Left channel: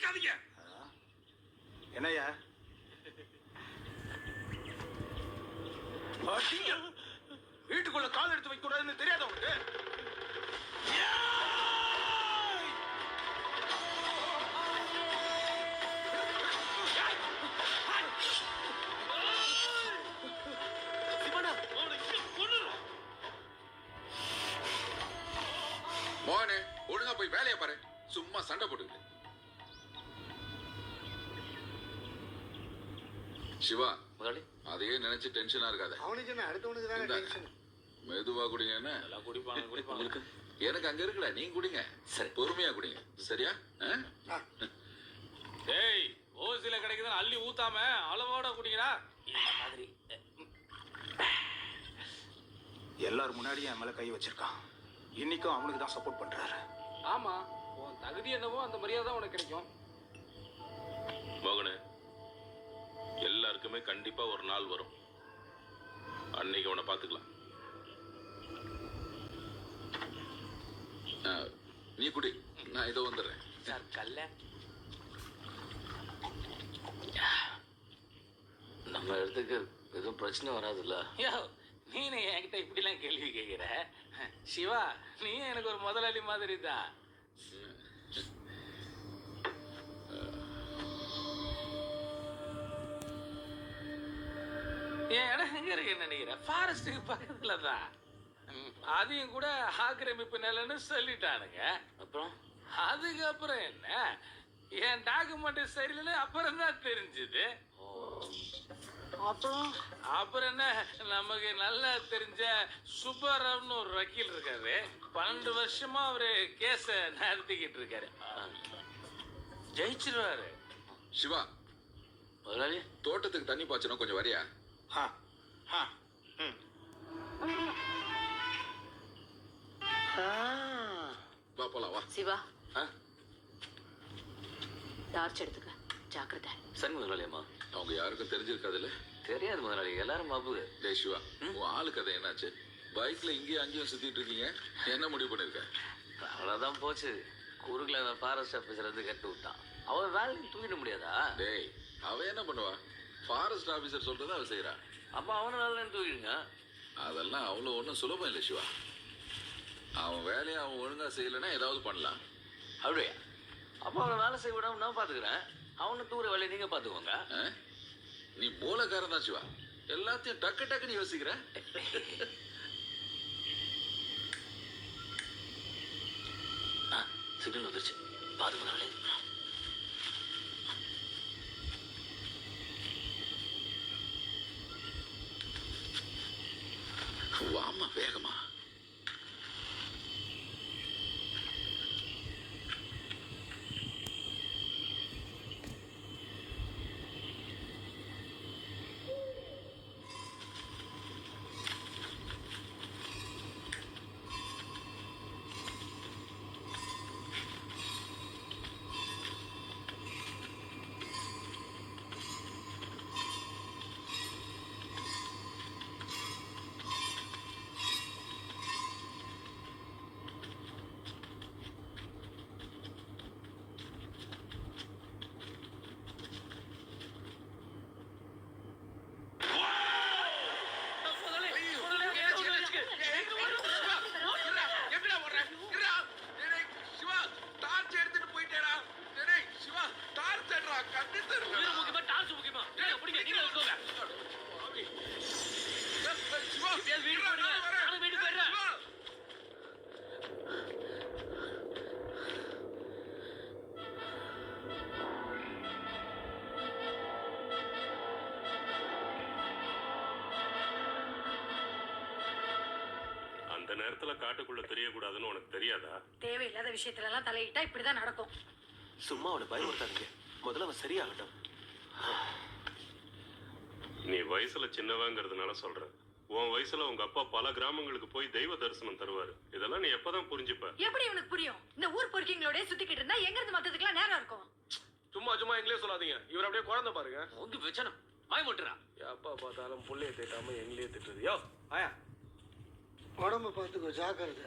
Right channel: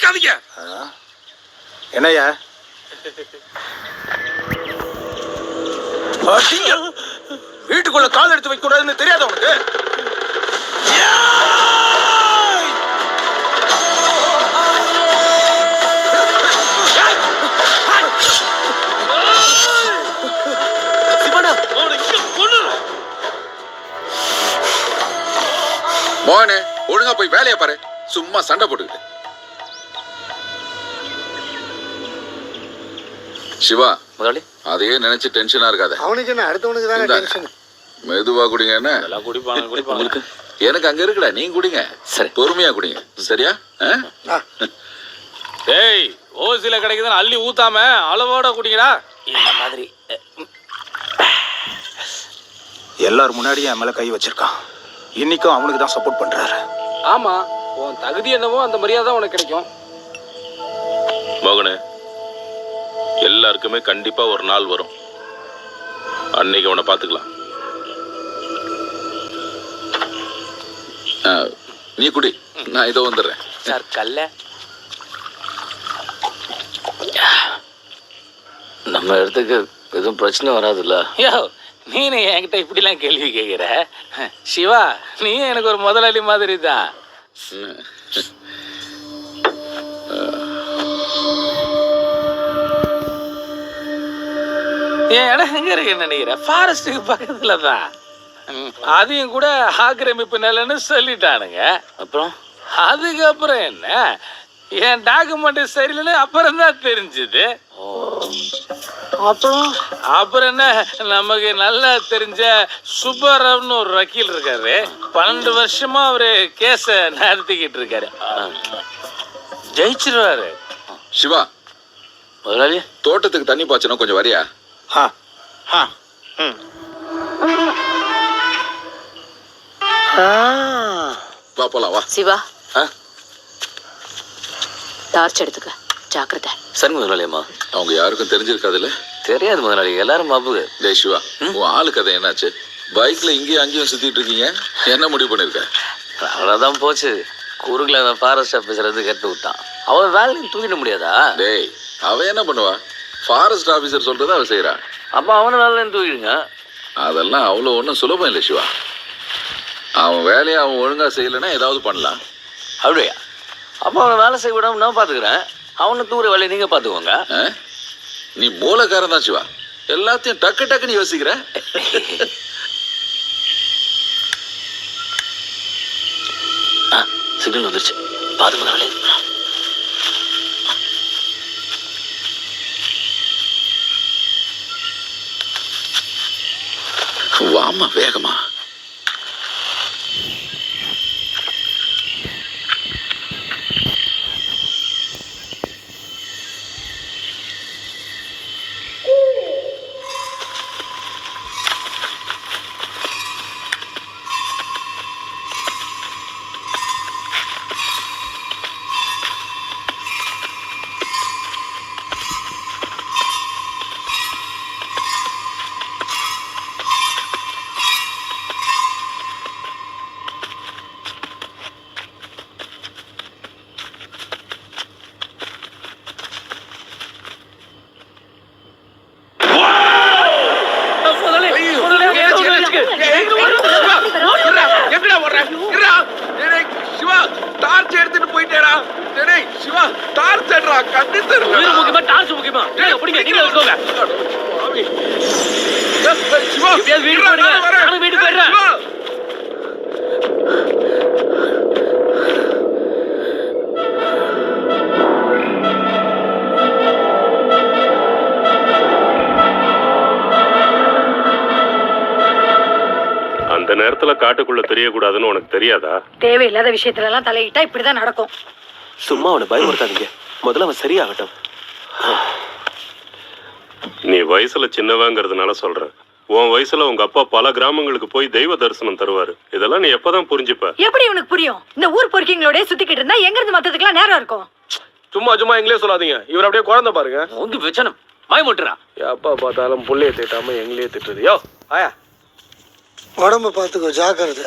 நிக்காதீங்க. என்னய்யா? வீட்டுக்குள்ள கால் எடுத்து வைக்க கூடாதுன்னு தெரியாத உனக்கு? மோகனே, ஒழுங்கா போய் வேலையை பாரு. சும்மா சண்டை போட்டுக்கிட்டு. சிவா, முதலாளி அதையே நினைச்சு டென்ஷனா இருக்காத. அவனுக்கு என்ன, அடுத்தவனுக்கு தானே டென்ஷன். மெதுவா குடிங்க. என்ன குடிப்பாங்க. எனக்கு அங்க இருக்குடா, நீங்க குடிங்க. சரி, பொறுமையா குடிங்க. சரியா? டேய், ஓசில கிடைக்குதுன்னு அள்ளி ஊத்தாம அளவோட குடிங்கடா. இந்த மாதிரி எல்லாரும் முன்னாடியும் என் மேல கை வச்சிருக்கான். இன்னைக்கும் அவனுக்கு தான் சப்போர்ட் பண்றாரு. ஆமா, உன் தகுதி என்னவோ அந்த மரியாதை உனக்கு கிடைக்கும். மகனே, எல்லாருக்குமே கண்டிப்பா ஒரு நாள் வரும். அன்னைக்கு உன்னை பாத்துக்கலாம். நீ குடி, நான் இதோ வந்துடுறேன். சார் கல்ல நம்ம இடத்துக்கு எதுவும் பிரச்சனை வராதுல்ல? யோ, நீனு என்கிட்ட இப்படிலாம் கேள்வி கேட்குற? சிவா, நீ எனக்கு ஒரு முதலாளி மாதிரி தான். என் இடம் எங்க இருக்குன்னு நினைக்கிறேன்? ஃபாரஸ்ட்டுக்கு பக்கத்துல தான். அதையும் கூட ஆக்கிரமிப்பு நிலைன்னு சொல்லிட்டானுங்க. அப்புறம் அதுக்கப்புறம் என்ன, என் டாக்குமெண்ட் சரியில்லைன்னு அப்புறம் தான் தெரிஞ்சுது. அப்புறம் என்ன, நமக்கு நல்லா தெரிஞ்ச சுப்பராவ்னு ஒரு வக்கீல் இருக்காரு. 12 வருஷமா அவரு கேஸ நடத்திக்கிட்டு இருக்காரு. ஜெயிச்சிருவாரு. சிவா, முதலாளி தோட்டத்துக்கு தண்ணி பாய்ச்சணும், கொஞ்சம் வரியா? வா போலாம், வா. சிவா, டார்ச் எடுத்துக்க, ஜாக்கிரதை. சரி முதலாளி. அம்மா, அவங்க யாருக்கும் தெரிஞ்சிருக்காதுல்ல? தெரியாது முதலாளி, எல்லாரும் மாப்புது. டேய் சிவா, உன் ஆளு கதை என்னாச்சு? பைக்ல இங்கேயும் அங்கேயும் சுத்திட்டு இருக்கீங்க, என்ன முடிவு பண்ணிருக்க? அவ்வளோதான் போச்சு. குறுக்கில் அந்த ஃபாரஸ்ட் ஆஃபீஸர் வந்து கட்டு விட்டான். அவன் வேலையும் தூக்கிட முடியாதா? டேய், அவ என்ன பண்ணுவா? ஃபாரஸ்ட் ஆபீசர் சொல்றதை அவ செய்யறா. அப்போ அவனை வேலையும் தூக்கிடுங்க. அதெல்லாம் அவ்வளோ ஒன்றும் சுலபம் இல்லை சிவா. அவன் வேலையை அவன் ஒழுங்கா செய்யலைன்னா ஏதாவது பண்ணலாம். அப்படியா? அப்போ அவனை வேலை செய்ய விடாம நான் பார்த்துக்கிறேன். அவனை தூர வேலையை நீங்கள் பார்த்துக்கோங்க. நீ மூலக்காரன் தான் சிவா, எல்லாத்தையும் டக்கு டக்குன்னு யோசிக்கிற. சிக்னல் வந்துருச்சு, பார்த்து முதலாளி. வாமா வேகமா. அந்த நேரத்துல காட்டுக்குள்ள தெரியக்கூடாதுன்னு உனக்கு தெரியாதா? தேவையில்லாத விஷயத்துல எல்லாம் தலையிட்டா இப்படிதான் நடக்கும். சும்மா அவனை பயமுறுத்தாதீங்க, முதல்ல அவன் சரியாகட்டும். நீ வயசுல சின்னவங்கிறதுனால சொல்றேன். உன் வயசுல உங்க அப்பா பல கிராமங்களுக்கு போய் தெய்வ தரிசனம் தருவாரு. இதெல்லாம் நீ எப்பதான் புரிஞ்சுப்ப? எப்படி உனக்கு புரியும்? இந்த ஊர் பொறுக்கிங்களோட சுத்திக்கிட்டு இருந்தா எங்க இருந்து மத்ததுக்கெல்லாம் நேரம் இருக்கும். சும்மா சும்மா எங்களே சொல்லாதீங்க. இவர் அப்படியே குழந்தை பாருங்க. உங்க பிரச்சனை பயமுட்டுறா. எப்பா பார்த்தாலும் புள்ளைய திட்டாம எங்களே திட்டுறது. யோ ஆயா, உடம்பு பார்த்துக்கோ, ஜாக்கிரதை.